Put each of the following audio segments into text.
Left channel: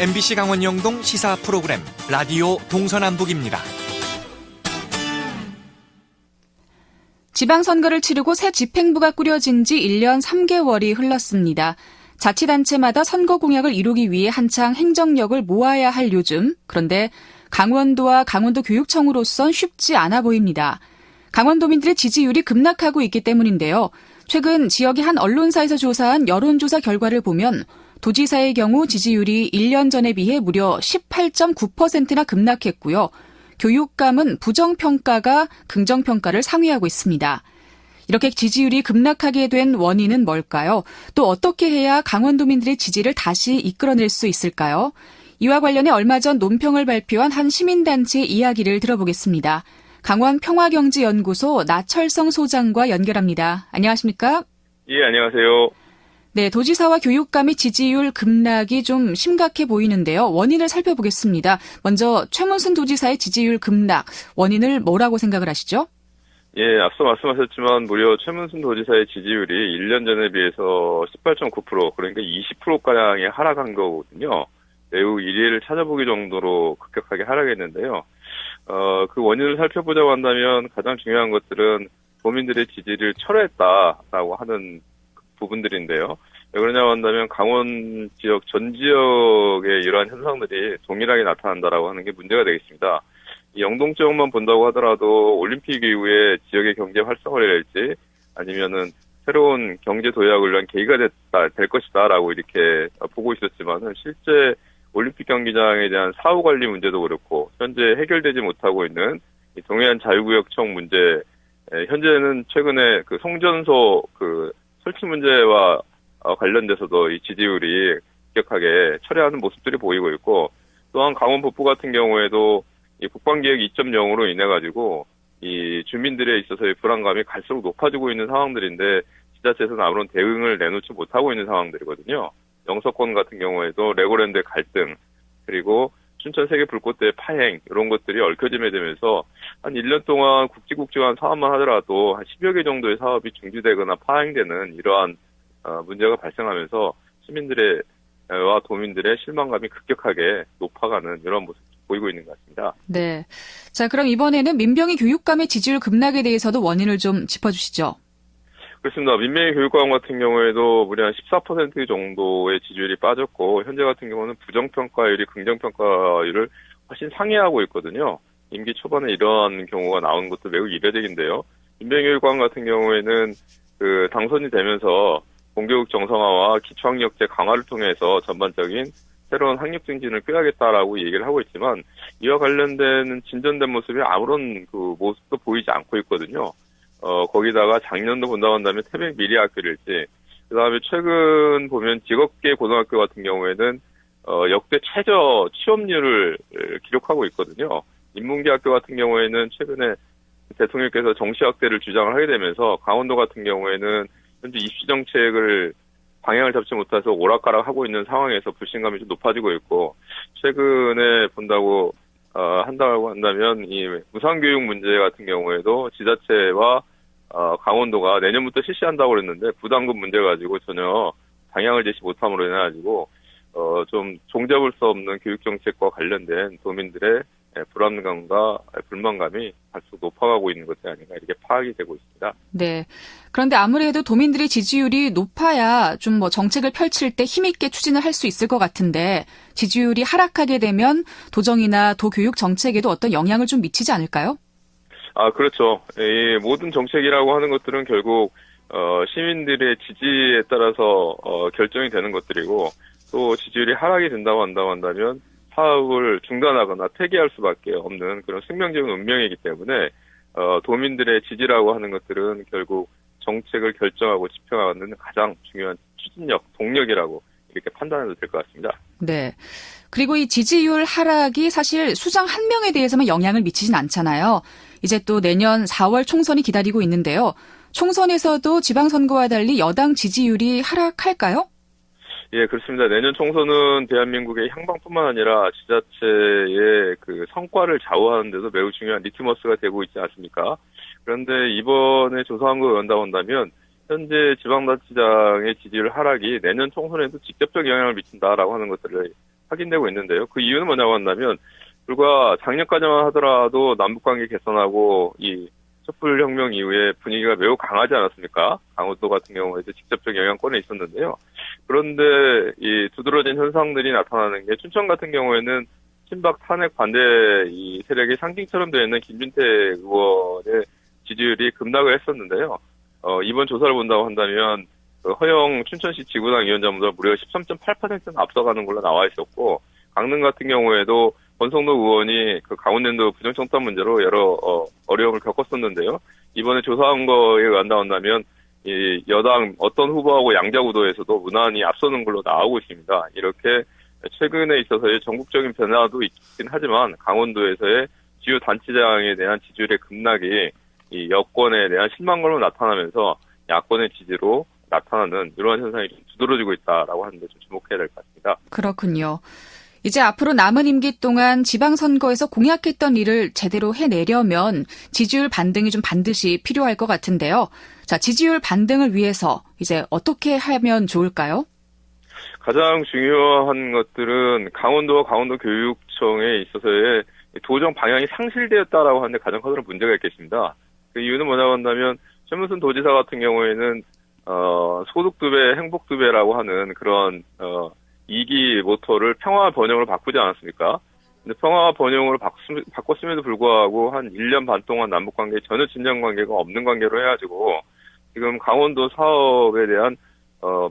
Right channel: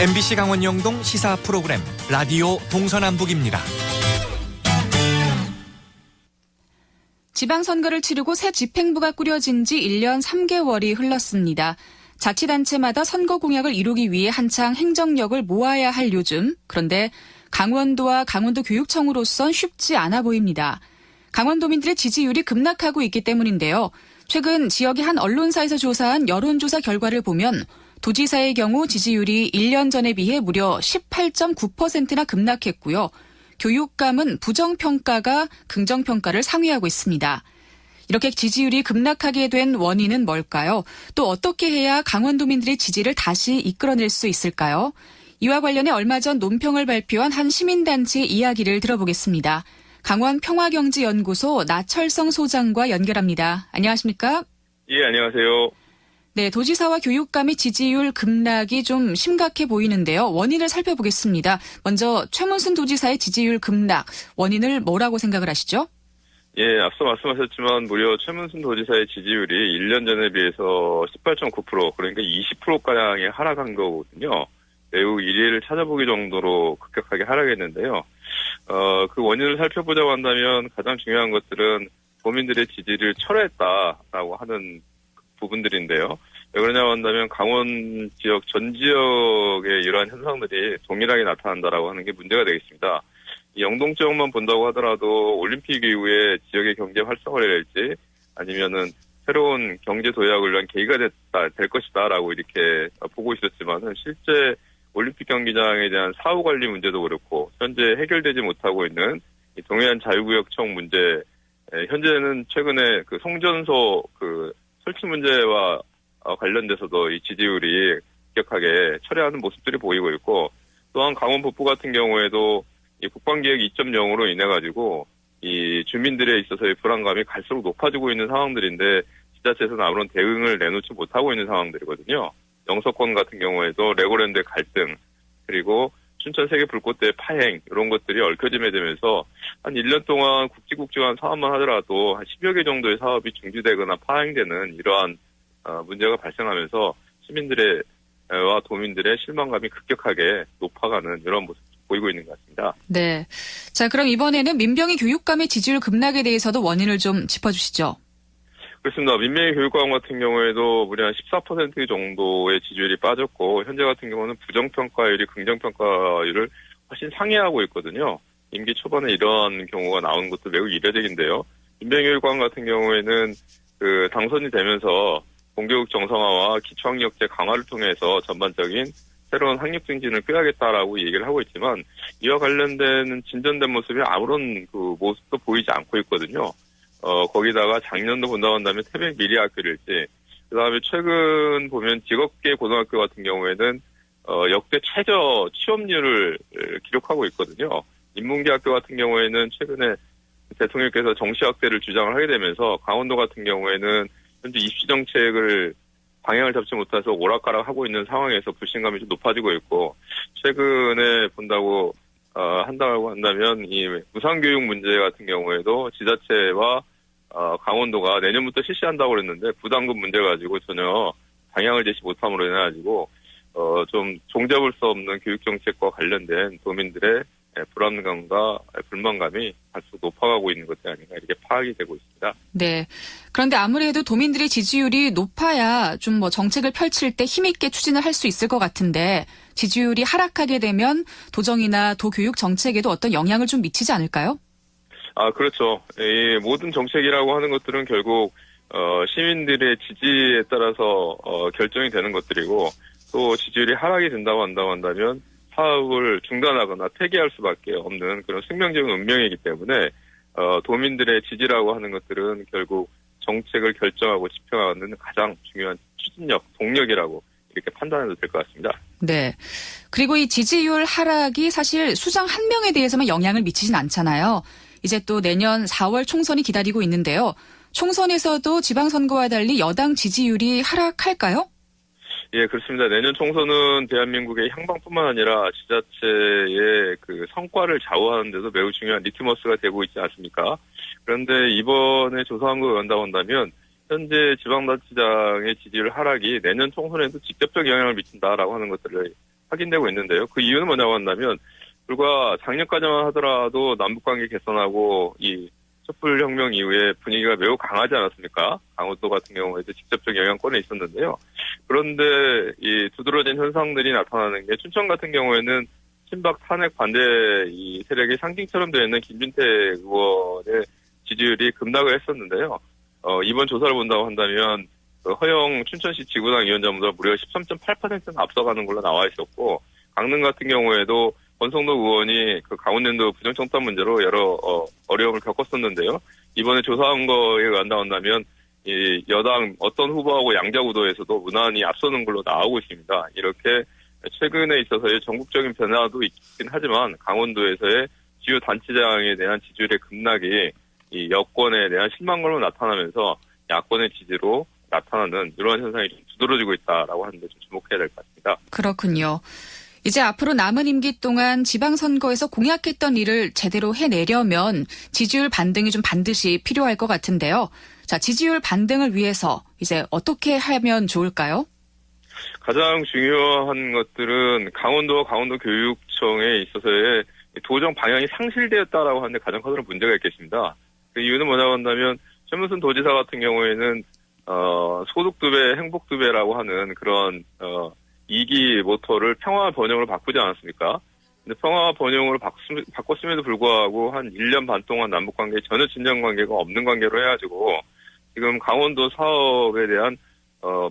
MBC 강원 영동 시사 프로그램 라디오 동서남북입니다. 지방선거를 치르고 새 집행부가 꾸려진 지 1년 3개월이 흘렀습니다. 자치단체마다 선거 공약을 이루기 위해 한창 행정력을 모아야 할 요즘. 그런데 강원도와 강원도 교육청으로선 쉽지 않아 보입니다. 강원도민들의 지지율이 급락하고 있기 때문인데요. 최근 지역의 한 언론사에서 조사한 여론조사 결과를 보면 도지사의 경우 지지율이 1년 전에 비해 무려 18.9%나 급락했고요. 교육감은 부정평가가 긍정평가를 상회하고 있습니다. 이렇게 지지율이 급락하게 된 원인은 뭘까요? 또 어떻게 해야 강원도민들의 지지를 다시 이끌어낼 수 있을까요? 이와 관련해 얼마 전 논평을 발표한 한 시민단체의 이야기를 들어보겠습니다. 강원평화경제연구소 나철성 소장과 연결합니다. 안녕하십니까? 예, 안녕하세요. 네, 도지사와 교육감의 지지율 급락이 좀 심각해 보이는데요. 원인을 살펴보겠습니다. 먼저 최문순 도지사의 지지율 급락, 원인을 뭐라고 생각을 하시죠? 예, 앞서 말씀하셨지만 무려 최문순 도지사의 지지율이 1년 전에 비해서 18.9%, 그러니까 20%가량의 하락한 거거든요. 매우 이례를 찾아보기 정도로 급격하게 하락했는데요. 그 원인을 살펴보자고 한다면 가장 중요한 것들은 도민들의 지지를 철회했다라고 하는 부분들인데요. 왜 그러냐고 한다면 강원 지역 전 지역의 이러한 현상들이 동일하게 나타난다라고 하는 게 문제가 되겠습니다. 이 영동 지역만 본다고 하더라도 올림픽 이후에 지역의 경제 활성화랄지 아니면은 새로운 경제 도약을 위한 계기가 될 것이다라고 이렇게 보고 있었지만은 실제 올림픽 경기장에 대한 사후 관리 문제도 그렇고 현재 해결되지 못하고 있는 이 동해안 자유구역청 문제, 현재는 최근에 그 송전소 설치 문제와 관련돼서도 이 지지율이 급격하게 철회하는 모습들이 보이고 있고, 또한 강원 북부 같은 경우에도 이 국방계획 2.0으로 인해 가지고 이 주민들에 있어서의 불안감이 갈수록 높아지고 있는 상황들인데 지자체에서는 아무런 대응을 내놓지 못하고 있는 상황들이거든요. 영서권 같은 경우에도 레고랜드의 갈등, 그리고 춘천 세계 불꽃대회 파행, 이런 것들이 얽혀지게 되면서 한 1년 동안 국지국지한 사업만 하더라도 한 10여 개 정도의 사업이 중지되거나 파행되는 이러한 문제가 발생하면서 시민들과 도민들의 실망감이 급격하게 높아가는 이런 모습을 보이고 있는 것 같습니다. 네. 자, 그럼 이번에는 민병희 교육감의 지지율 급락에 대해서도 원인을 좀 짚어주시죠. 그렇습니다. 민병희 교육감 같은 경우에도 무려 한 14% 정도의 지지율이 빠졌고, 현재 같은 경우는 부정평가율이 긍정평가율을 훨씬 상회하고 있거든요. 임기 초반에 이러한 경우가 나오는 것도 매우 이례적인데요. 민병희 교육감 같은 경우에는 당선이 되면서 공교육 정상화와 기초학력제 강화를 통해서 전반적인 새로운 학력 증진을 꾀하겠다라고 얘기를 하고 있지만, 이와 관련된 진전된 모습이 아무런 모습도 보이지 않고 있거든요. 거기다가 작년도 본다고 한다면 태백 미래학교일지, 그 다음에 최근 보면 직업계 고등학교 같은 경우에는, 역대 최저 취업률을 기록하고 있거든요. 인문계학교 같은 경우에는 최근에 대통령께서 정시학대를 주장을 하게 되면서 강원도 같은 경우에는 현재 입시 정책을 방향을 잡지 못해서 오락가락하고 있는 상황에서 불신감이 좀 높아지고 있고, 최근에 본다고 한다고 한다면 이 무상교육 문제 같은 경우에도 지자체와 강원도가 내년부터 실시한다고 그랬는데 부담금 문제 가지고 전혀 방향을 제시 못함으로 인해 가지고 좀 종잡을 수 없는 교육 정책과 관련된 도민들의 불안감과 불만감이 갈수록 높아가고 있는 것이 아닌가 이렇게 파악이 되고 있습니다. 네. 그런데 아무래도 도민들의 지지율이 높아야 좀 정책을 펼칠 때 힘있게 추진을 할 수 있을 것 같은데 지지율이 하락하게 되면 도정이나 도교육 정책에도 어떤 영향을 좀 미치지 않을까요? 그렇죠. 이 모든 정책이라고 하는 것들은 결국 시민들의 지지에 따라서 결정이 되는 것들이고, 또 지지율이 하락이 된다고 한다면 사업을 중단하거나 폐기할 수밖에 없는 그런 생명적인 운명이기 때문에 도민들의 지지라고 하는 것들은 결국 정책을 결정하고 집행하는 가장 중요한 추진력, 동력이라고 이렇게 판단해도 될 것 같습니다. 네. 그리고 이 지지율 하락이 사실 수장 한 명에 대해서만 영향을 미치진 않잖아요. 이제 또 내년 4월 총선이 기다리고 있는데요. 총선에서도 지방선거와 달리 여당 지지율이 하락할까요? 예, 그렇습니다. 내년 총선은 대한민국의 향방뿐만 아니라 지자체의 성과를 좌우하는 데도 매우 중요한 리트머스가 되고 있지 않습니까? 그런데 이번에 조사한 거 본다면 현재 지방자치장의 지지율 하락이 내년 총선에도 직접적 영향을 미친다라고 하는 것들을 확인되고 있는데요. 그 이유는 뭐냐고 한다면 불과 작년까지만 하더라도 남북관계 개선하고 이 촛불혁명 이후에 분위기가 매우 강하지 않았습니까? 강원도 같은 경우에도 직접적 영향권에 있었는데요. 그런데 이 두드러진 현상들이 나타나는 게 춘천 같은 경우에는 친박 탄핵 반대 이 세력의 상징처럼 되어 있는 김진태 의원의 지지율이 급락을 했었는데요. 이번 조사를 본다고 한다면 그 허영 춘천시 지구당 위원장보다 무려 13.8%는 앞서가는 걸로 나와 있었고, 강릉 같은 경우에도 권성도 의원이 그 강원랜드 부정청탁 문제로 여러 어려움을 겪었었는데요. 이번에 조사한 거에 의한다면 이 여당 어떤 후보하고 양자구도에서도 무난히 앞서는 걸로 나오고 있습니다. 이렇게 최근에 있어서의 전국적인 변화도 있긴 하지만 강원도에서의 주요 단체장에 대한 지지율의 급락이 이 여권에 대한 실망감으로 나타나면서 야권의 지지로 나타나는 이러한 현상이 좀 두드러지고 있다라고 하는데 좀 주목해야 될 것 같습니다. 그렇군요. 이제 앞으로 남은 임기 동안 지방선거에서 공약했던 일을 제대로 해내려면 지지율 반등이 좀 반드시 필요할 것 같은데요. 자, 지지율 반등을 위해서 이제 어떻게 하면 좋을까요? 가장 중요한 것들은 강원도와 강원도교육청에 있어서의 도정 방향이 상실되었다라고 하는데 가장 커다란 문제가 있겠습니다. 그 이유는 뭐냐고 한다면 최문순 도지사 같은 경우에는 소득 두 배, 행복 두 배라고 하는 그런 이기 모토를 평화 번영으로 바꾸지 않았습니까? 근데 평화 번영으로 바꿨음에도 불구하고 한 1년 반 동안 남북관계에 전혀 진정 관계가 없는 관계로 해가지고 지금 강원도 사업에 대한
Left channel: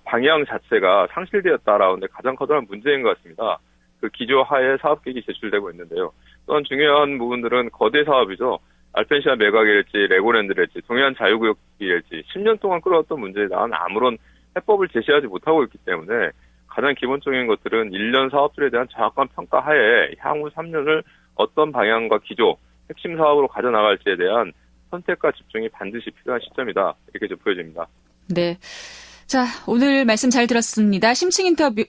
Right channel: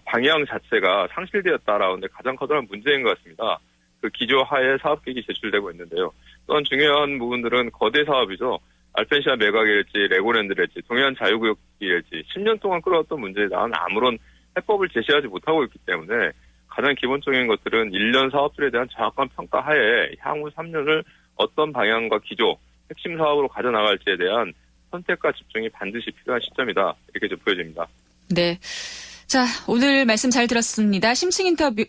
방향 자체가 상실되었다라는 데 가장 커다란 문제인 것 같습니다. 그 기조 하에 사업계획이 제출되고 있는데요. 또한 중요한 부분들은 거대 사업이죠. 알펜시아 매각일지, 레고랜드일지, 동해안 자유구역일지 10년 동안 끌어왔던 문제에 대한 아무런 해법을 제시하지 못하고 있기 때문에 가장 기본적인 것들은 1년 사업들에 대한 정확한 평가 하에 향후 3년을 어떤 방향과 기조, 핵심 사업으로 가져나갈지에 대한 선택과 집중이 반드시 필요한 시점이다. 이렇게 좀 보여집니다. 네. 자, 오늘 말씀 잘 들었습니다. 심층 인터뷰,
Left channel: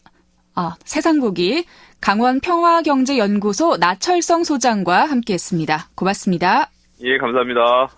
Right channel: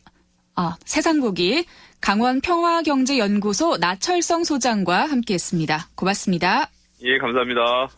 세상보기 강원평화경제연구소 나철성 소장과 함께했습니다. 고맙습니다. 예, 감사합니다.